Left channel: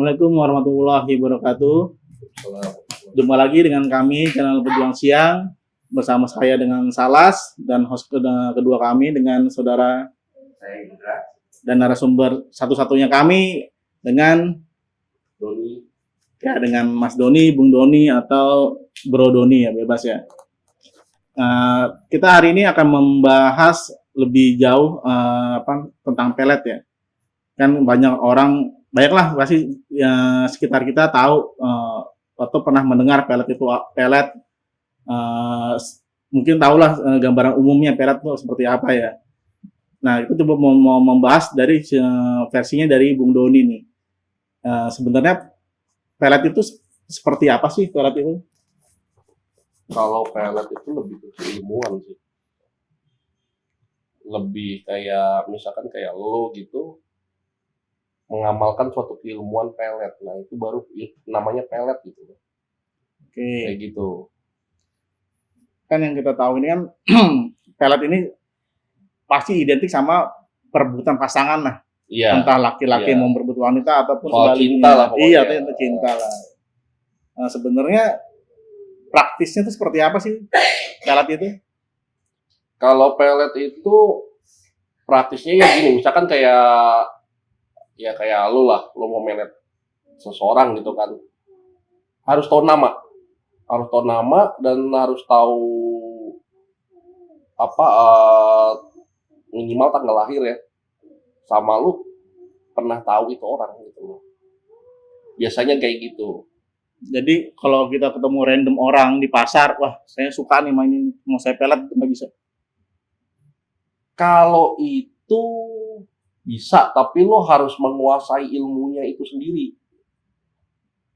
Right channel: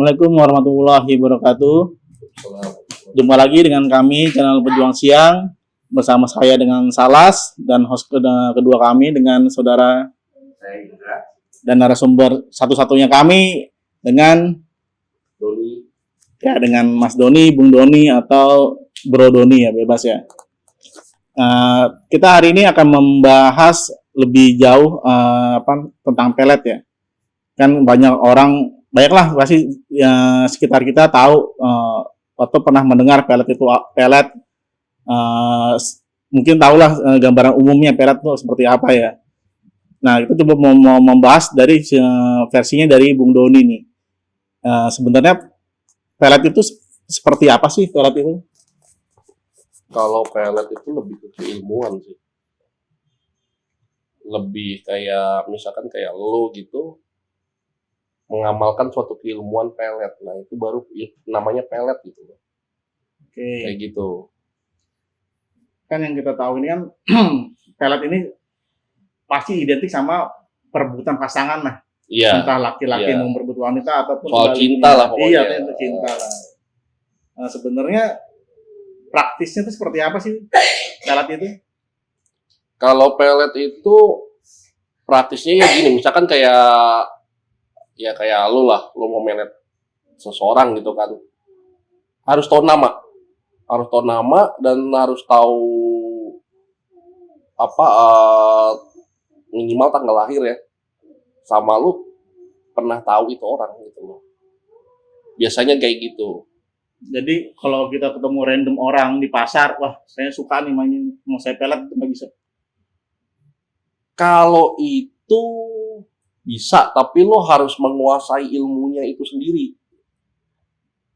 Assalamualaikum warahmatullahi wabarakatuh. Jumpa lagi dengan kami channel Pejuang Siang bersama saya dengan Salas dan host kedua kami dengan saudara Saya Indra. dan narasumber satu-satunya kami dengan Doni. Ya, dengan Mas Doni, Bung Doni atau Bro Doni ya, bebas ya. Kita hari ini akan membahas lebih jauh tentang pelet ya. Kan banyaklah pasti ya, sekitar kita tahu atau pernah mendengar pelet itu pelet. Mungkin tahulah gambaran umumnya pelet itu seperti apa ya. Nah, itu coba mau membahas dari versinya dari Bung Doni nih. Sebenarnya pelet itu seperti apa sih pelet itu? Kalau pelet itu lebih ke keilmuan sih. Lebih kayak misalkan kayak lo gitu mengamalkan suatu keilmuan pelet. Nah, itu baru namanya pelet gitu. Oke. Kayak gitu. Kan yang kita tahu ini kan pelet ini pasti identik sama perebutan pasangan lah. Iya. Entah laki-laki mau berebut wanita ataupun soal cinta lah pokoknya. Iya, itu cinta lah. Nah, sebenarnya praktisnya itu seperti apa sih pelet itu? Kalau pelet itu praktisnya ya gini, misalkan kayak lo lah, lo mau melet seseorang gitu kan, harus tahu nama dan harus tahu minimal tanggal lahir ya, sama lu pernah tahu itu orang gitu loh. Biasanya kayak gitu. Jadi kalau kita ketemu random orang di pasar, wah saya suka nih mainin, mau saya pelet itu nggak bisa. Kalau itu bisa, tapi lo harus menguasai ilmunya itu sendiri.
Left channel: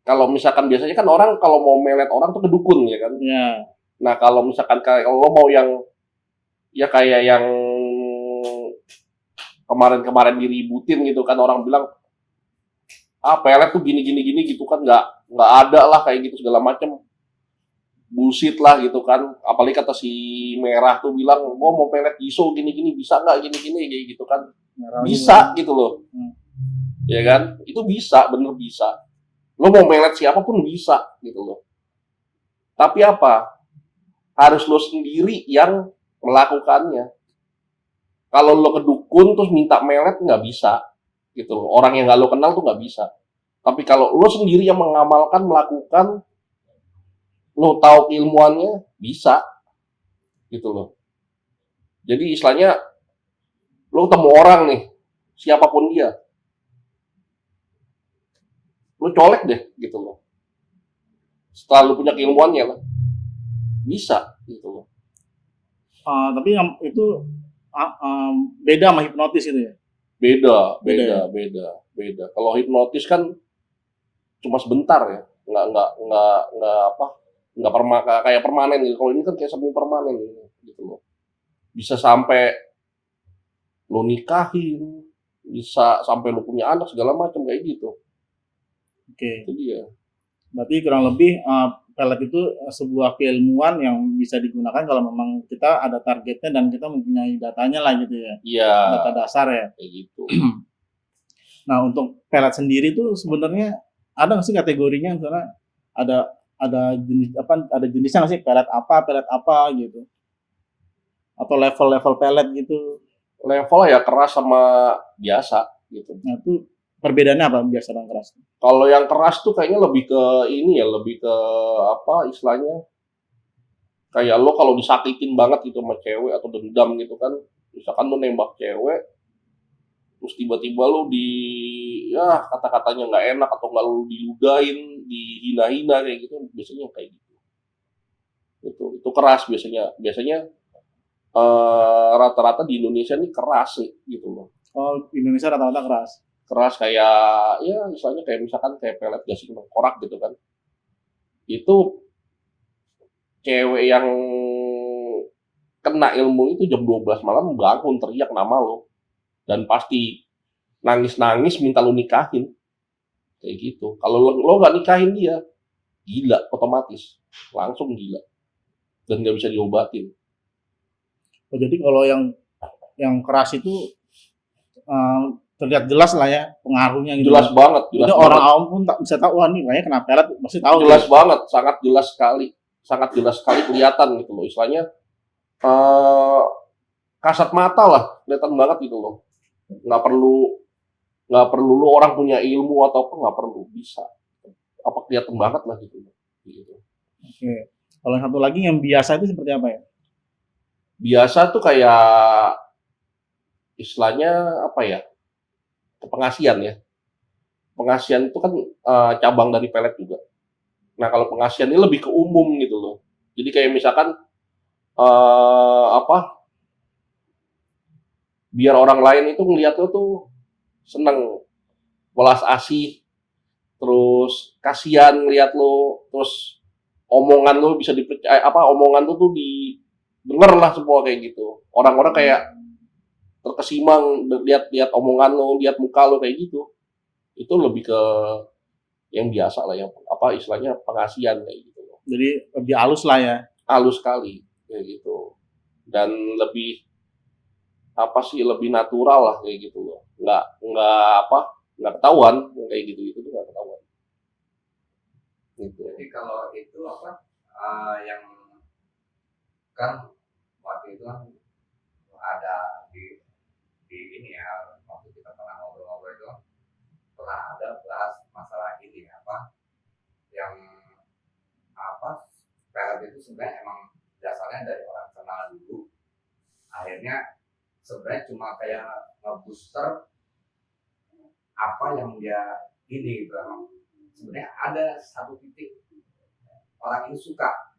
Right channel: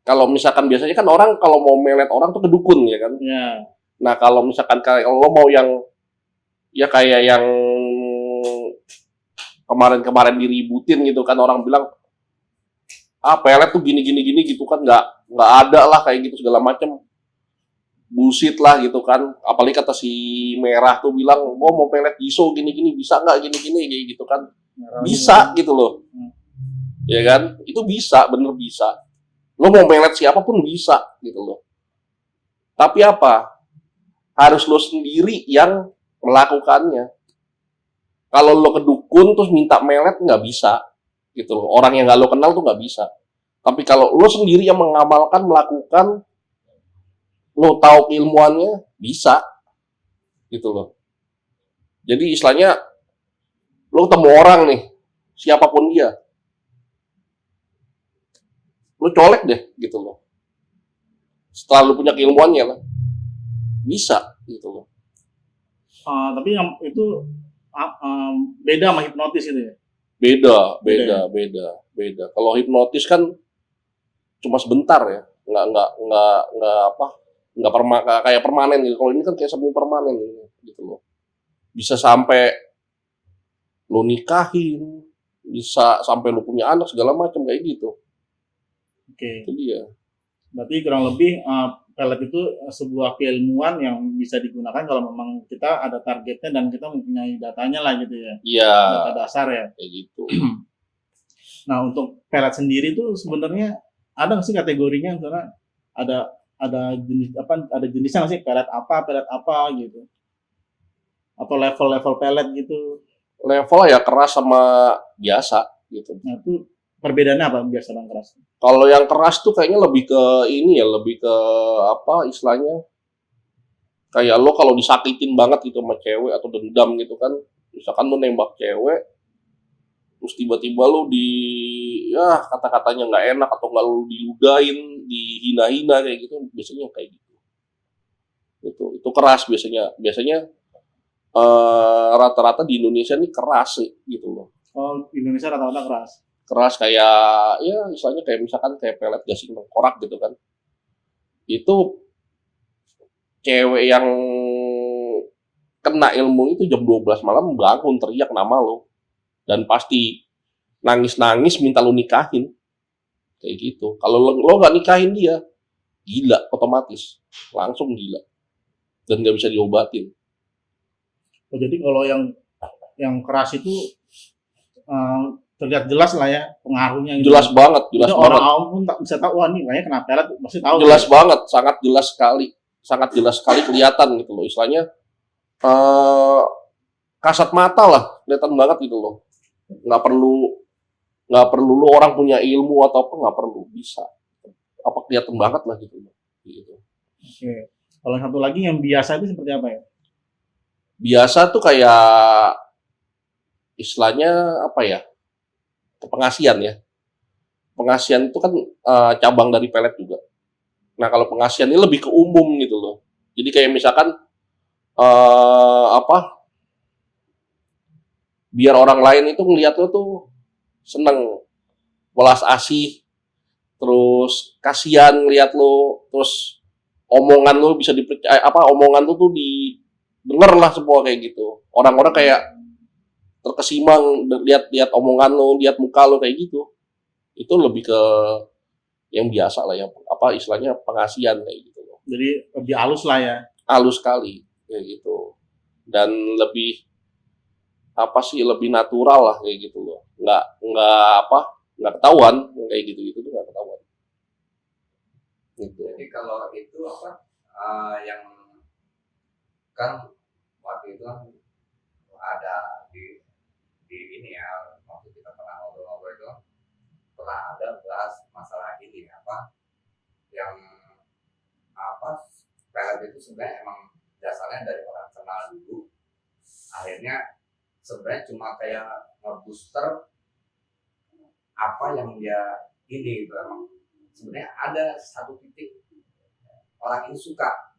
Kalau misalkan biasanya kan orang kalau mau melet orang tuh ke dukun ya kan. Ya. Nah kalau misalkan kayak lo mau yang ya kayak yang kemarin diributin gitu kan, orang bilang pelet tuh gini gitu kan, nggak ada lah kayak gitu segala macam, bullshit lah gitu kan. Apalagi kata si Merah tuh bilang gua mau pelet iso gini bisa nggak gini kayak gitu kan. Bisa gitu loh. Ya kan, itu bisa, bener bisa. Lo mau pelet siapapun bisa gitu loh. Tapi apa, harus lo sendiri yang melakukannya. Kalau lo ke dukun terus minta melet nggak bisa gitu loh. Orang yang nggak lo kenal tuh nggak bisa. Tapi kalau lo sendiri yang mengamalkan, melakukan, lo tahu keilmuannya, bisa gitu loh. Jadi istilahnya lo ketemu orang nih, siapapun dia, lo colek deh gitu loh. Setelah lo punya keilmuannya lah, bisa gitu loh. Tapi itu beda sama hipnotis itu ya? Beda. Kalau hipnotis kan cuma sebentar ya, nggak kayak permanen gitu. Kalau ini kan kayak semi permanen gitu loh. Bisa sampai lo nikahin, bisa sampai lo punya anak segala macam kayak gitu. Oke. Itu dia. Berarti kurang lebih pelet itu sebuah keilmuan yang bisa digunakan kalau memang kita ada targetnya dan kita mempunyai datanya lah gitu ya. Iya. Data dasar ya. Kayak gitu. Nah, untuk pelet sendiri itu sebenarnya ada nggak sih kategorinya? Misalnya ada jenis ada jenisnya nggak sih, pelet apa gitu? Atau level pelet gitu? Level ya keras sama biasa gitu. Nah, itu perbedaannya apa biasa dan keras? Kalau yang keras tuh kayaknya lebih ke ini ya, lebih ke istilahnya kayak lo kalau disakitin banget gitu sama cewek atau dendam gitu kan, misalkan lo nembak cewek terus tiba-tiba lo kata-katanya nggak enak atau nggak lo diludahin, dihina-hina kayak gitu, biasanya kayak gitu. Itu keras biasanya rata-rata di Indonesia ini keras sih gitu loh. Oh, Indonesia rata-rata keras kayak ya misalnya kayak misalkan kayak pelet gasing tengkorak gitu kan, itu cewek yang kena ilmu itu jam 12 malam bangun teriak nama lo dan pasti nangis minta lo nikahin kayak gitu. Kalau lo nggak nikahin dia, gila, otomatis langsung gila dan nggak bisa diobatin. Oh, jadi kalau yang keras itu terlihat jelas lah ya pengaruhnya gitu. Jelas banget, Jadi jelas orang banget. awam pun tak bisa tahu, wah nih kayaknya kena pelet, pasti tahu. Jelas banget, sangat jelas sekali kelihatan gitu loh. Istilahnya eh, kasat mata lah, kelihatan banget gitu loh. Nggak perlu nggak perlu lu orang punya ilmu atau apa, nggak perlu, bisa. Apa kelihatan banget lah gitu loh. Gitu. Oke. Kalau yang satu lagi yang biasa itu seperti apa ya? Biasa tuh kayak istilahnya apa ya? Pengasian ya. Pengasian itu kan cabang dari pelet juga. Nah kalau pengasian ini lebih ke umum gitu loh. Jadi kayak misalkan apa? Biar orang lain itu ngeliat lo tuh seneng, welas asih, terus kasihan ngeliat lo, terus omongan lo bisa dipercaya, apa omongan lo tuh didengar lah semua kayak gitu. Orang-orang kayak terkesimang lihat omongan lo, lihat muka lo kayak gitu. Itu lebih ke yang biasa lah ya, apa istilahnya pengasihan kayak gitu loh. Jadi lebih halus lah ya. Halus sekali kayak gitu. Dan lebih apa sih, lebih natural lah kayak gitu loh. Nggak ketahuan kayak gitu tuh nggak ketahuan. Gitu. Jadi kalau itu apa yang kan waktu itu kan ada di ini ya, waktu kita pernah ngobrol-ngobrol itu pernah ada bahas masalah ini apa yang apa pelet itu sebenarnya emang dasarnya dari orang kenal dulu, akhirnya sebenarnya cuma kayak ngebooster apa yang dia ini gitu. Emang sebenarnya ada satu titik orang ini suka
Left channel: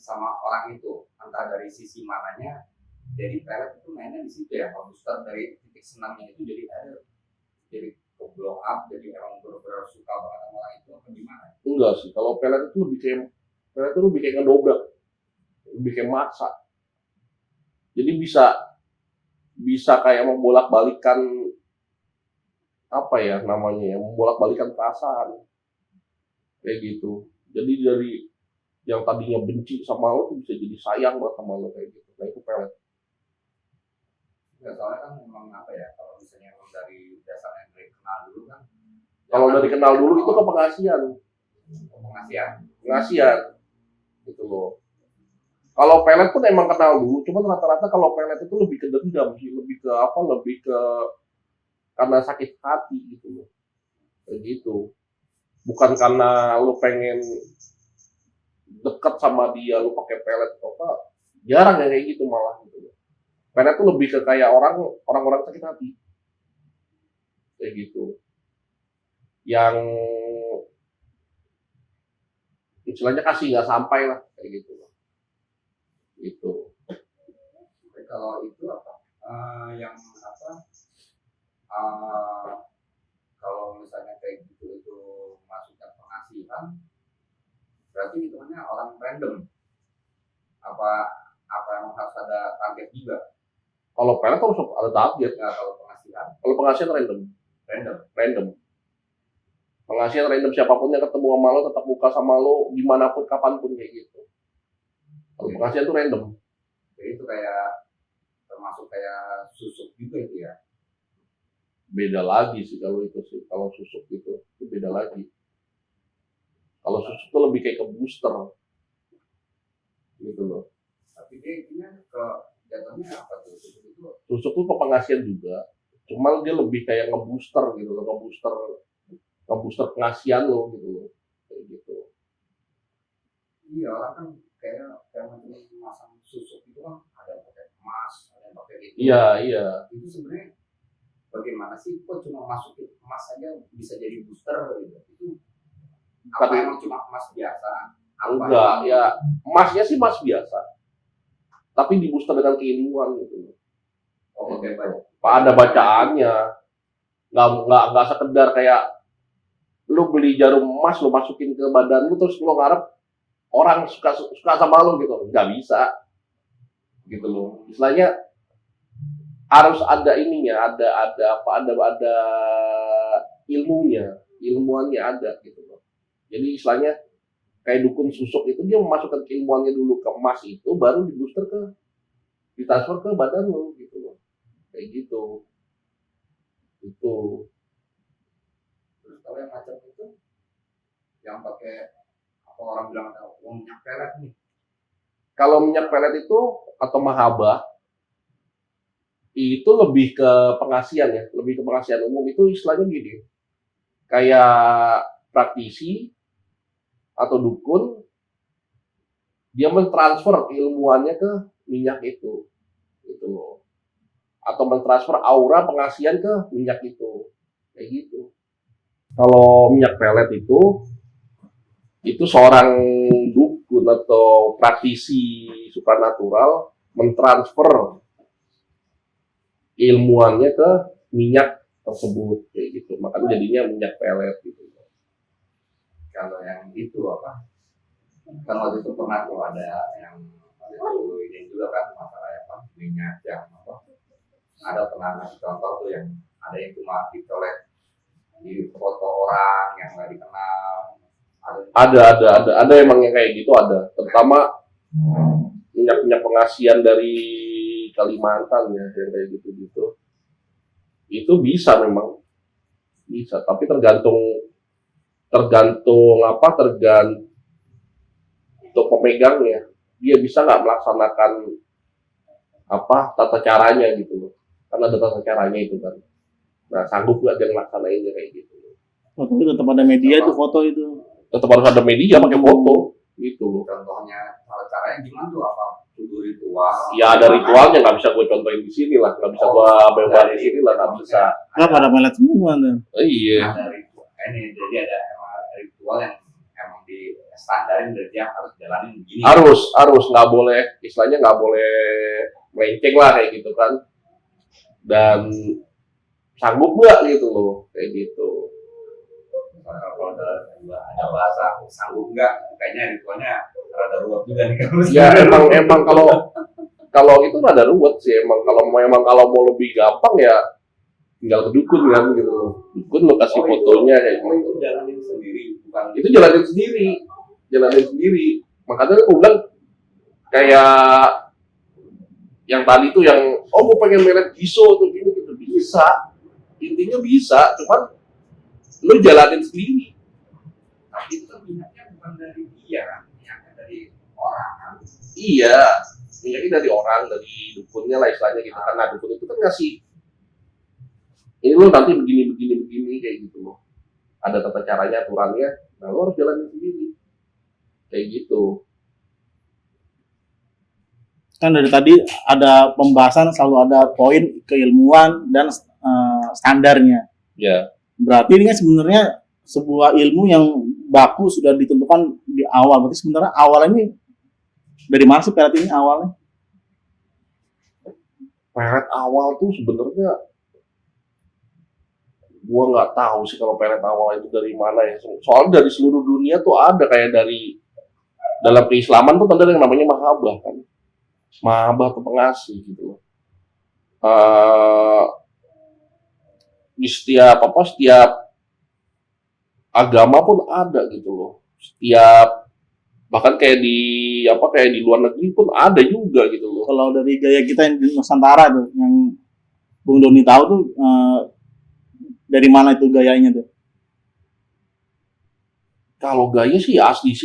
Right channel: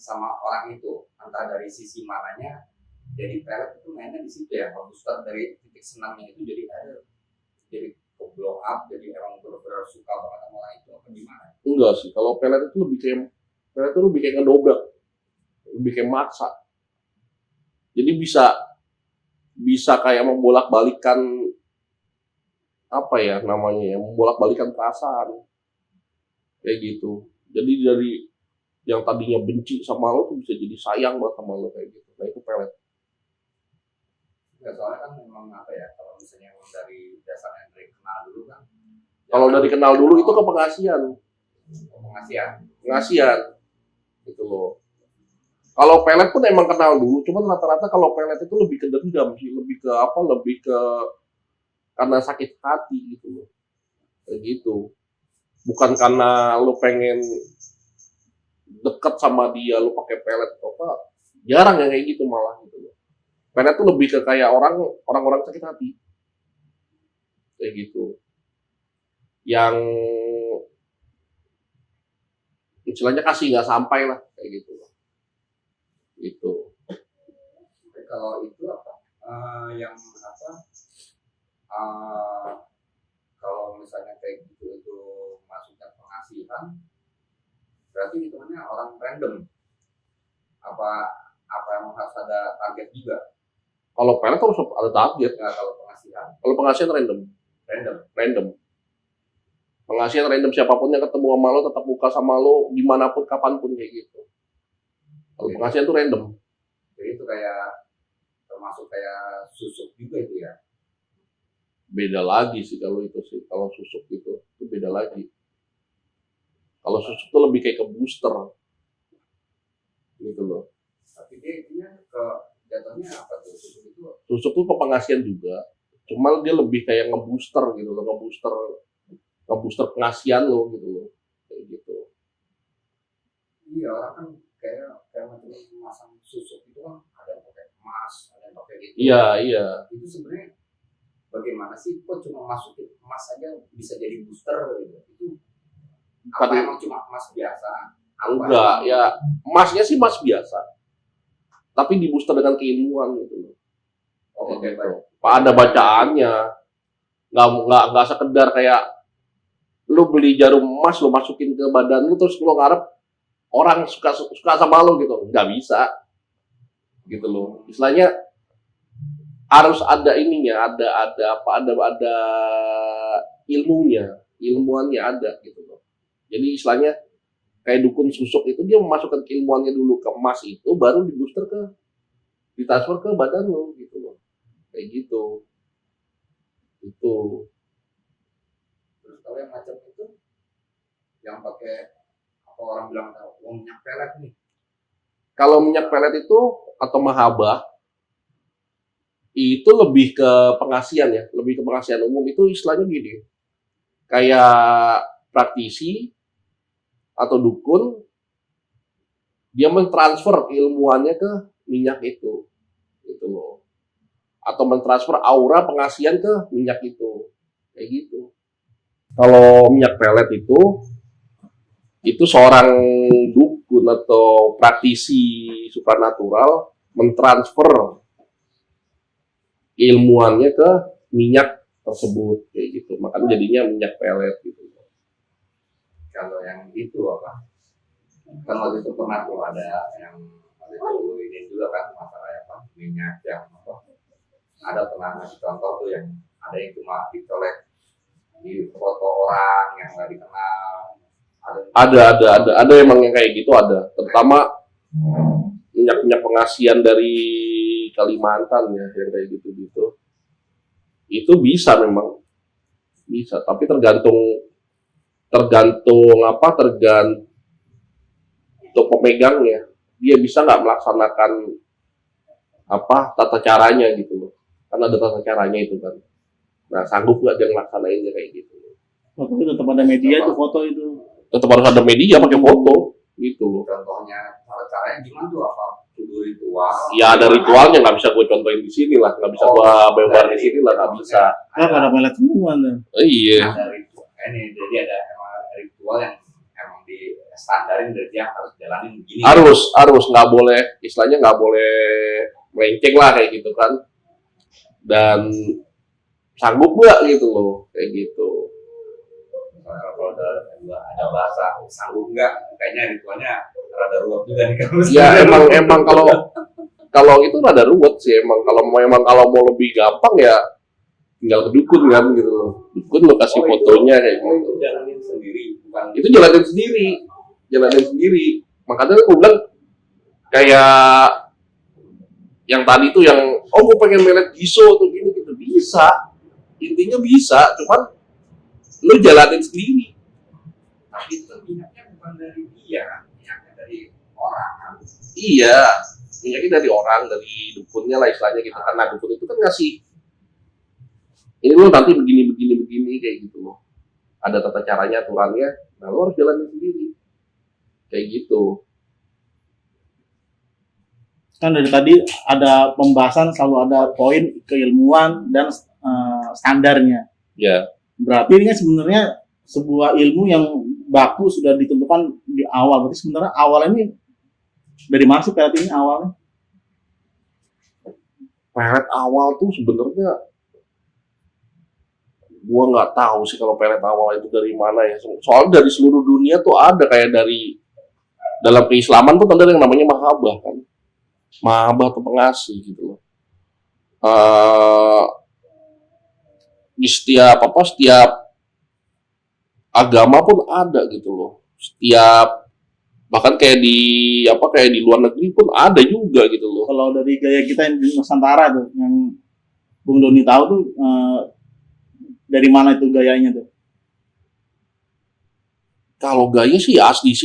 sama orang itu, entah dari sisi mananya. Jadi pelet itu mainnya di situ ya, ngebooster dari titik senangnya itu jadi ke blow up, jadi emang benar-benar suka banget sama orang itu apa gimana? Enggak sih, kalau pelet itu lebih kayak ngedobrak, lebih kayak maksa. Jadi bisa kayak membolak-balikan apa ya namanya ya, membolak-balikan perasaan kayak gitu. Jadi dari yang tadinya benci sama lo tuh bisa jadi sayang banget sama lo kayak gitu. Nah itu pelet. Ya, soalnya kan memang apa ya, kalau misalnya emang dari dasarnya dari kenal dulu kan. Kalau dari kenal dulu itu ke pengasihan, Pengasihan. gitu loh. Kalau pelet pun emang kenal dulu, cuman rata-rata kalau pelet itu lebih ke dendam sih, lebih ke karena sakit hati gitu loh, kayak gitu. Bukan karena lo pengen deket sama dia, lo pakai pelet atau apa, jarang yang kayak gitu malah gitu loh. Pelet tuh lebih ke kayak orang-orang sakit hati, kayak gitu. Yang istilahnya kasih nggak sampai lah kayak gitu loh. Gitu. Kalau itu apa yang apa kalau misalnya kayak gitu itu masuknya pengasihan, berarti hitungannya orang random apa yang harus ada target juga? Kalau pelet harus ada target. Nah, kalau pengasihan Kalau pengasihan random. Pengasihan random, siapapun yang ketemu sama lo tetap buka sama lo dimanapun kapanpun kayak gitu. Kalau pengasihan itu random. jadi itu kayak termasuk kayak susuk juga itu ya. Beda lagi sih kalau itu sih. Kalau susuk itu beda lagi. Kalau susuk itu lebih kayak ke booster gitu loh. Tapi dia intinya ke jatuhnya apa tuh susuk itu? Susuk itu pengasihan juga. Cuma dia lebih kayak ngebooster gitu loh, ngebooster pengasihan lo gitu loh. Kayak gitu. Iya, orang kan kayak macam masang susuk itu kan ada yang pakai emas, ada yang pakai gitu. Iya. Itu sebenarnya bagaimana sih? Kok cuma masukin emas aja bisa jadi booster gitu? Itu apa emang cuma emas biasa? Enggak, ya emasnya sih emas biasa. Tapi di booster dengan keilmuan gitu. Oke, baik. Ada bacaannya. Nggak sekedar kayak lu beli jarum emas lu masukin ke badan lu terus lu ngarep orang suka sama lu gitu. Nggak bisa. Gitu loh. Istilahnya harus ada ininya, ada ilmuannya ada gitu loh. Jadi istilahnya kayak dukun susuk itu dia memasukkan keilmuannya dulu ke emas itu, baru ditransfer ke badan lo gitu loh, kayak gitu. Itu pakai apa orang bilang minyak pelet nih. Kalau minyak pelet itu atau mahaba itu lebih ke pengasian ya, lebih ke pengasian umum. Itu istilahnya gini, kayak praktisi atau dukun, dia mentransfer ilmuannya ke minyak itu, gitu loh. Atau mentransfer aura pengasian ke minyak itu, kayak gitu. Kalau minyak pelet itu seorang dukun atau praktisi supranatural mentransfer ilmuannya ke minyak tersebut, kayak gitu. Makanya jadinya minyak pelet gitu. Kalau yang itu apa? Kan waktu itu pernah tuh ada yang waktu itu ini juga kan masalah apa minyak yang apa? Ada pernah ngasih contoh tuh yang ada yang cuma dicolek di foto orang yang nggak dikenal. Ada emang yang kayak gitu ada. Terutama minyak pengasian dari Kalimantan ya, yang kayak gitu. Itu bisa memang bisa, tapi tergantung pemegangnya. Dia bisa nggak melaksanakan tata caranya gitu loh. Kan ada tata caranya itu kan. Nah, sanggup nggak dia ngelaksanainnya kayak gitu. Tapi tetap ada media tuh foto itu. Tetap harus ada media pakai foto gitu loh. Contohnya caranya gimana tuh apa? Tubuh ritual. Ya ada ritualnya, nggak bisa gue contohin di sini lah, nggak bisa gue bebar di sini lah, nggak bisa. Nah, pada pelet semua tuh. Iya. Ada ritual. Ini jadi ada emang ritual yang emang di standarin dari dia harus jalanin begini. Harus nggak boleh, istilahnya nggak boleh melenceng lah kayak gitu kan. Dan sanggup nggak gitu loh, kayak gitu. Kalau ada bahasa sanggup nggak, kayaknya ritualnya rada ruwet juga nih kan. Ya emang kalau itu rada ruwet sih emang. Kalau mau lebih gampang ya tinggal ke dukun kan gitu loh. Dukun lo kasih fotonya kayak gitu. Itu jalanin sendiri, bukan? Itu jalanin sendiri. Makanya aku bilang kayak yang tadi tuh yang gue pengen melet giso tuh gini gitu bisa. Intinya bisa, cuman lo jalanin sendiri. Tapi itu kan minyaknya bukan dari dia kan, minyaknya dari orang kan. Iya, minyaknya dari orang, dari dukunnya lah istilahnya gitu. Karena dukun itu kan ngasih ini lo nanti begini kayak gitu loh. Ada tata caranya, aturannya, nah lo harus jalanin sendiri. Kayak gitu. Kan dari tadi ada pembahasan selalu ada poin keilmuan dan standarnya. Ya. Berarti ini kan sebenarnya sebuah ilmu yang baku sudah ditentukan di awal. Berarti sebenarnya awalnya ini dari mana sih pelet ini awalnya? Pelet awal tuh sebenarnya gua nggak tahu sih kalau pelet awal itu dari mana ya. Soalnya dari seluruh dunia tuh ada kayak dari dalam keislaman tuh ada yang namanya mahabah kan. Mahabah atau pengasih gitu loh. Di setiap agama pun ada gitu loh. Bahkan kayak di luar negeri pun ada juga gitu loh. Kalau dari gaya kita yang di Nusantara tuh, yang Bung Doni tahu tuh dari mana itu gayanya tuh? Kalau gaya sih asli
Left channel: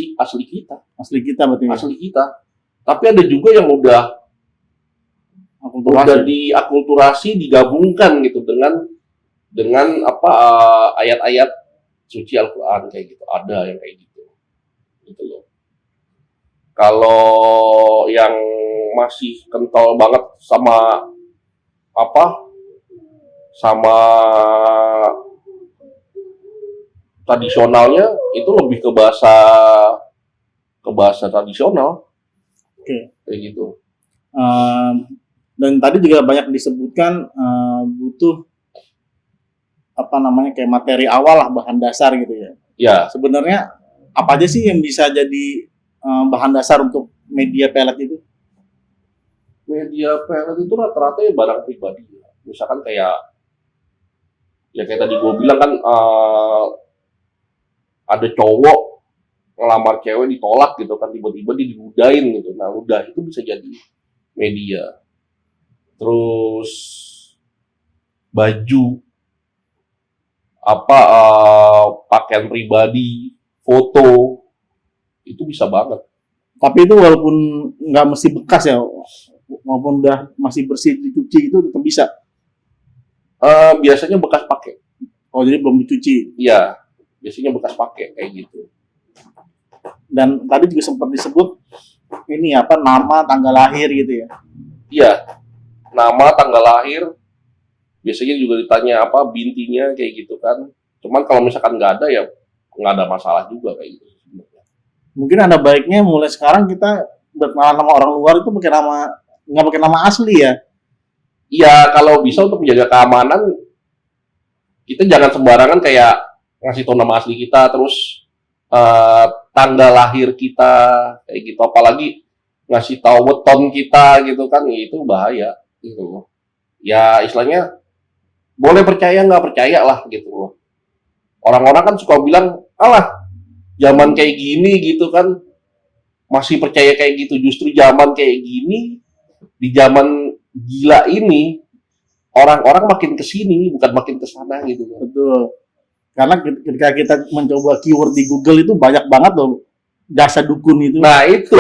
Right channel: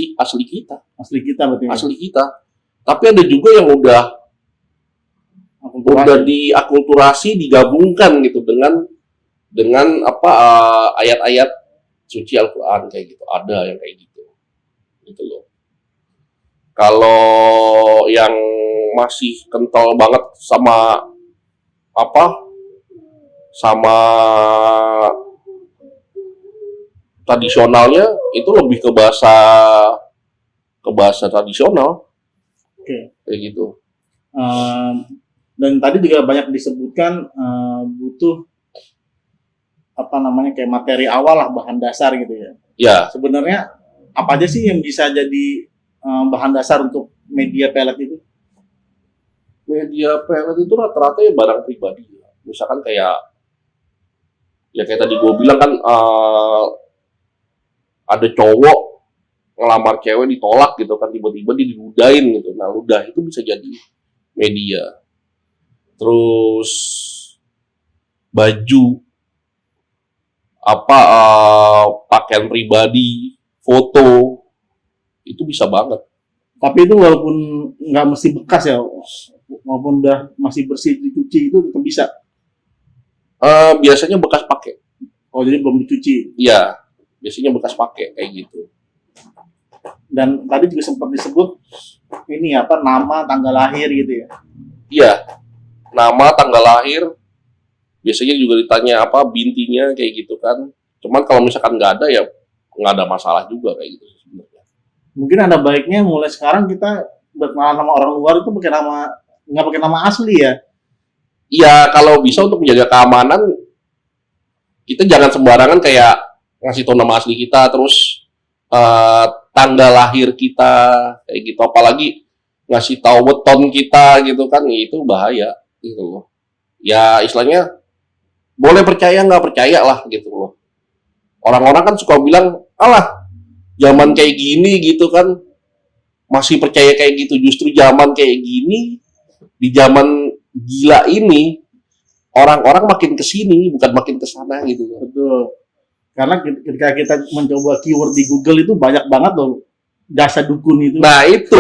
kita. Asli kita berarti. Asli kita. Tapi ada juga yang udah diakulturasi, digabungkan gitu dengan ayat-ayat suci Al-Quran kayak gitu. Ada yang kayak gitu loh. Kalau yang masih kental banget sama tradisionalnya itu lebih ke bahasa tradisional. Oke. Kayak gitu. Dan tadi juga banyak disebutkan butuh kayak materi awal lah, bahan dasar gitu ya. Ya. Sebenarnya apa aja sih yang bisa jadi bahan dasar untuk media pelet itu? Media pelet itu rata-rata ya barang pribadi. Misalkan kayak tadi gue bilang kan ada cowok ngelamar cewek ditolak gitu kan, tiba-tiba diludahin gitu. Nah, ludah itu bisa jadi media. Terus baju pakaian pribadi foto, itu bisa banget. Tapi itu walaupun nggak mesti bekas ya, walaupun udah masih bersih dicuci itu tetap bisa. Biasanya bekas pakai. Oh jadi belum dicuci. Iya, biasanya bekas pakai kayak gitu. Dan tadi juga sempat disebut ini apa nama tanggal lahir gitu ya. Iya, nama, tanggal lahir, biasanya juga ditanya apa bintinya kayak gitu kan. Cuman kalau misalkan nggak ada ya nggak ada masalah juga kayak gitu sebenarnya. Mungkin ada baiknya mulai sekarang kita berkenalan sama orang luar itu pakai nama nggak pakai nama asli ya. Iya, kalau bisa untuk menjaga keamanan, kita jangan sembarangan kayak ngasih tahu nama asli kita, terus tanggal lahir kita, kayak gitu. Apalagi ngasih tahu weton kita gitu kan, itu bahaya gitu loh. Ya istilahnya boleh percaya nggak percaya lah gitu loh. Orang-orang kan suka bilang, alah zaman kayak gini gitu kan, masih percaya kayak gitu. Justru zaman kayak gini, di zaman gila ini, orang-orang makin kesini bukan makin kesana gitu. Betul. Karena ketika kita mencoba keyword di Google itu banyak banget loh jasa dukun itu. Nah itu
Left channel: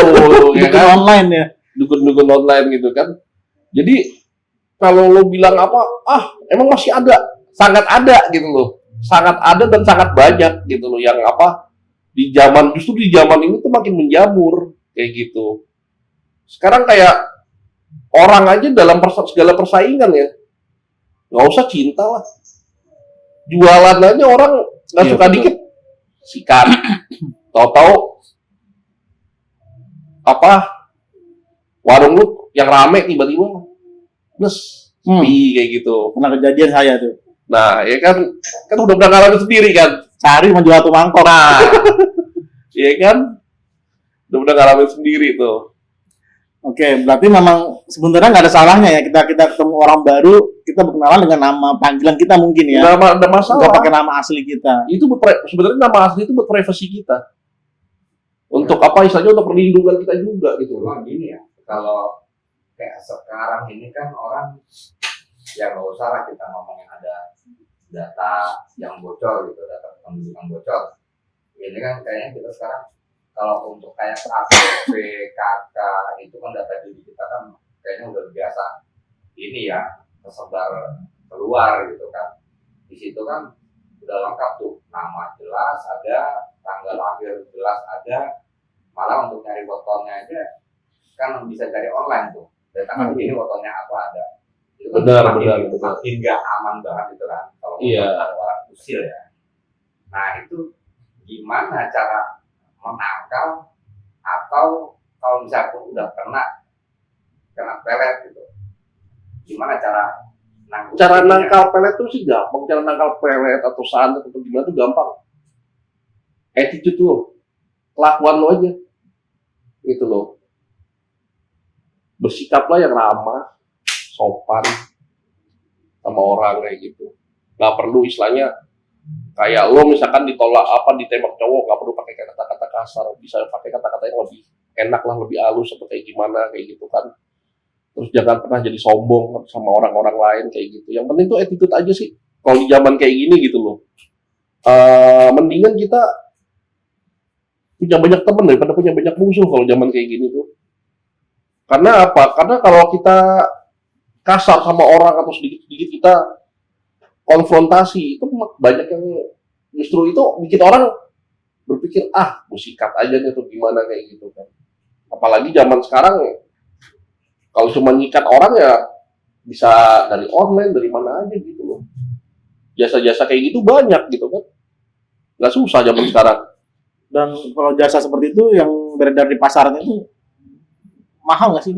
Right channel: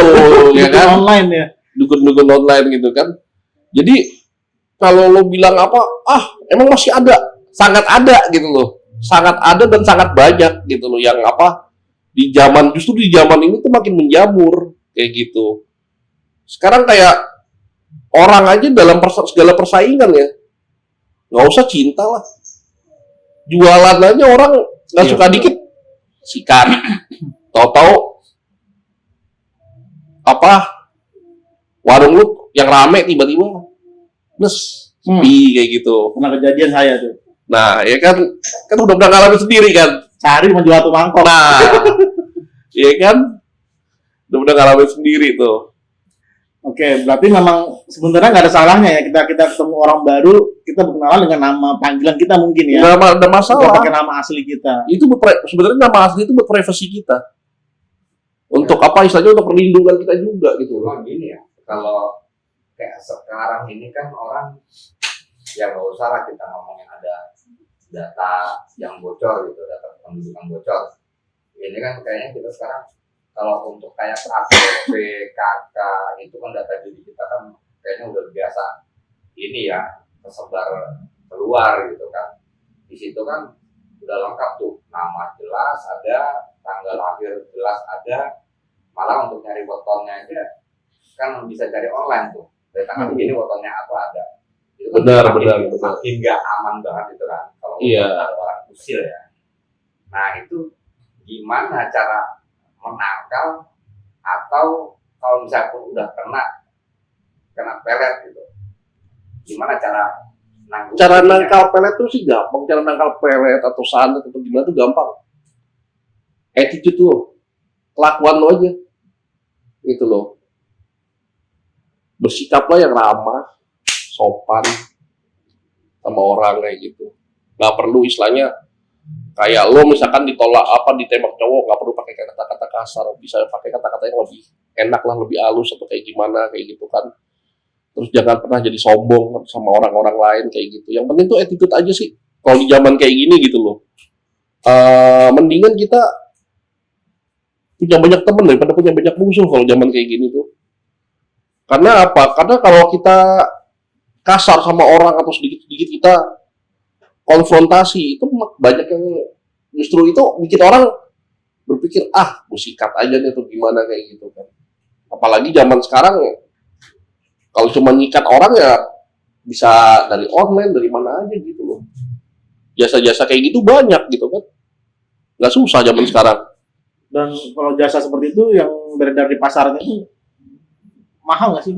ya Dukun kan, online ya. dukun-dukun online gitu kan. Jadi kalau lo bilang apa, emang masih ada, sangat ada gitu loh, sangat ada dan sangat banyak gitu loh yang apa di zaman justru di zaman ini tuh makin menjamur kayak gitu. Sekarang kayak orang aja dalam segala persaingan ya, nggak usah cinta lah, jualan aja orang nggak Iya, suka betul. dikit sikat, tahu-tahu apa warung lu yang rame tiba-tiba sepi kayak gitu. Pernah kejadian saya tuh. Nah ya kan udah pernah ngalamin sendiri kan. Sehari menjual satu mangkok. Nah ya kan udah pernah ngalamin sendiri tuh. Oke, berarti memang sebenarnya nggak ada salahnya ya kita ketemu orang baru, kita berkenalan dengan nama panggilan kita mungkin ya. Nggak ada Nggak masalah. pakai nama asli kita. Itu sebenarnya nama asli itu buat privasi kita. Untuk apa istilahnya untuk perlindungan kita juga gitu. Cuma gini ya, kalau kayak sekarang ini kan orang ya nggak usah lah kita ngomongin ada data yang bocor gitu, data pendudukan bocor. Ini kan kayaknya kita sekarang kalau untuk kayak KTP, KK itu kan data diri kita kan kayaknya udah biasa ini ya tersebar keluar gitu kan. Di situ kan udah lengkap tuh, nama jelas ada, tanggal lahir jelas ada, malah untuk nyari fotonya aja kan bisa cari online tuh. Data kan ini fotonya apa ada. Itu kan Benar, makin, benar. makin nggak aman banget itu kan kalau Iya. ada orang usil ya. Nah itu gimana cara menangkal atau kalau misalnya udah kena pelet gitu, gimana cara nangkal? Cara nangkal pelet tuh sih gampang. Cara nangkal pelet atau santet atau gimana tuh gampang. Attitude lo, kelakuan lo aja, gitu loh. Bersikaplah yang ramah, sopan sama orang kayak gitu. Nggak perlu istilahnya kayak lo misalkan ditolak apa ditembak cowok, nggak perlu pakai kata-kata kasar, bisa pakai kata-kata yang lebih enak lah, lebih halus atau kayak gimana kayak gitu kan. Terus jangan pernah jadi sombong sama orang-orang lain kayak gitu. Yang penting tuh attitude aja sih. Kalau di zaman kayak gini gitu loh. Mendingan kita punya banyak teman daripada punya banyak musuh kalau zaman kayak gini tuh. Karena apa? Karena kalau kita kasar sama orang atau sedikit-sedikit kita konfrontasi itu banyak yang justru itu bikin orang berpikir gue sikat aja nih atau gimana kayak gitu kan. Apalagi zaman sekarang kalau cuma ngikat orang ya bisa dari online dari mana aja gitu loh. Jasa-jasa kayak gitu banyak gitu kan. Nggak susah zaman sekarang. Dan kalau jasa seperti itu yang beredar di pasaran itu mahal nggak sih?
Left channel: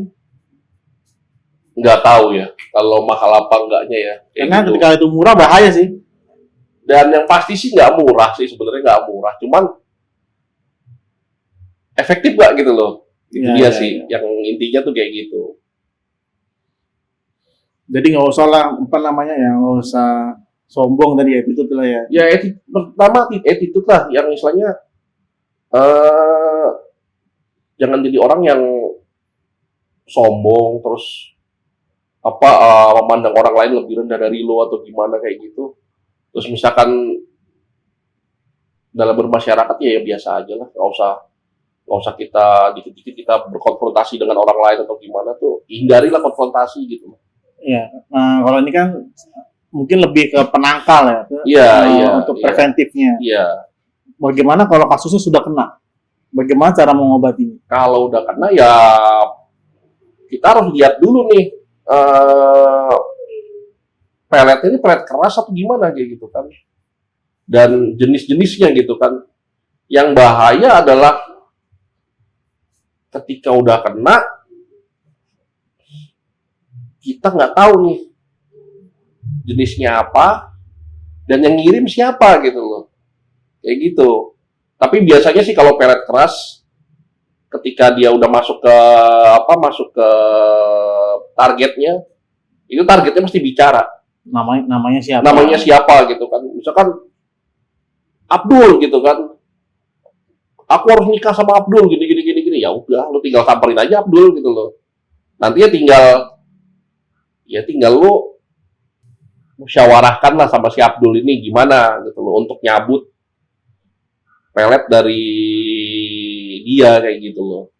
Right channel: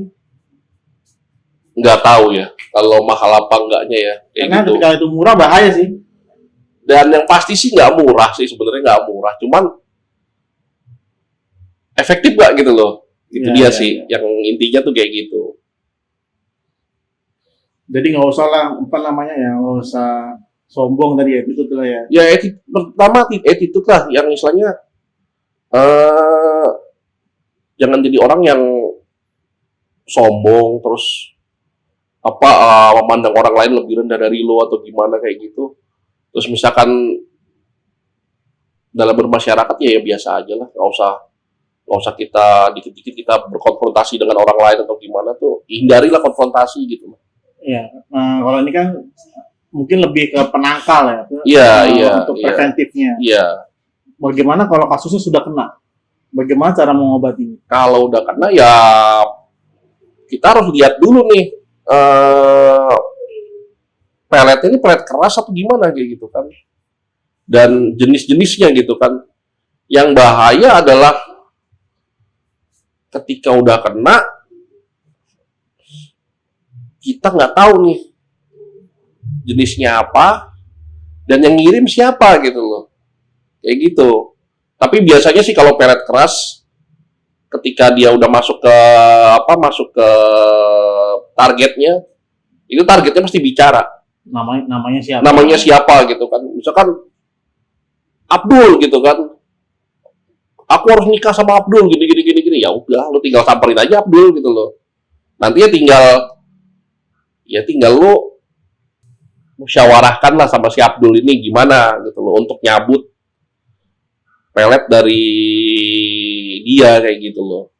Nggak tahu ya kalau mahal apa enggaknya ya kayak Karena gitu. ketika itu murah bahaya sih. Dan yang pasti sih nggak murah sih, sebenarnya nggak murah, cuman efektif nggak gitu loh. Itu Ya, dia ya, sih ya. yang intinya tuh kayak gitu. Jadi nggak usah lah apa namanya ya, nggak usah sombong tadi ya, itu tuh lah ya. Ya pertama attitude lah yang istilahnya jangan jadi orang yang sombong terus apa memandang orang lain lebih rendah dari lo atau gimana kayak gitu. Terus misalkan dalam bermasyarakat ya biasa aja lah, nggak usah kita dikit-dikit kita berkonfrontasi dengan orang lain atau gimana tuh, hindarilah konfrontasi gitu. Ya, kalau ini kan mungkin lebih ke penangkal ya, untuk Iya. preventifnya. Iya, Bagaimana kalau kasusnya sudah kena? Bagaimana cara mengobatinya? kalau udah kena ya kita harus lihat dulu nih, peletnya ini pelet keras atau gimana kayak gitu kan, dan jenis-jenisnya gitu kan. Yang bahaya adalah ketika udah kena kita nggak tahu nih jenisnya apa dan yang ngirim siapa gitu loh, kayak gitu. Tapi biasanya sih kalau pelet keras ketika dia udah masuk ke targetnya, itu targetnya mesti bicara namanya siapa gitu kan. Misalkan Abdul gitu kan, aku harus nikah sama Abdul gini, ya udah lu tinggal samperin aja Abdul gitu loh. Nanti tinggal lu musyawarahkan lah sama si Abdul ini gimana gitu loh untuk nyabut pelet dari dia kayak gitu loh.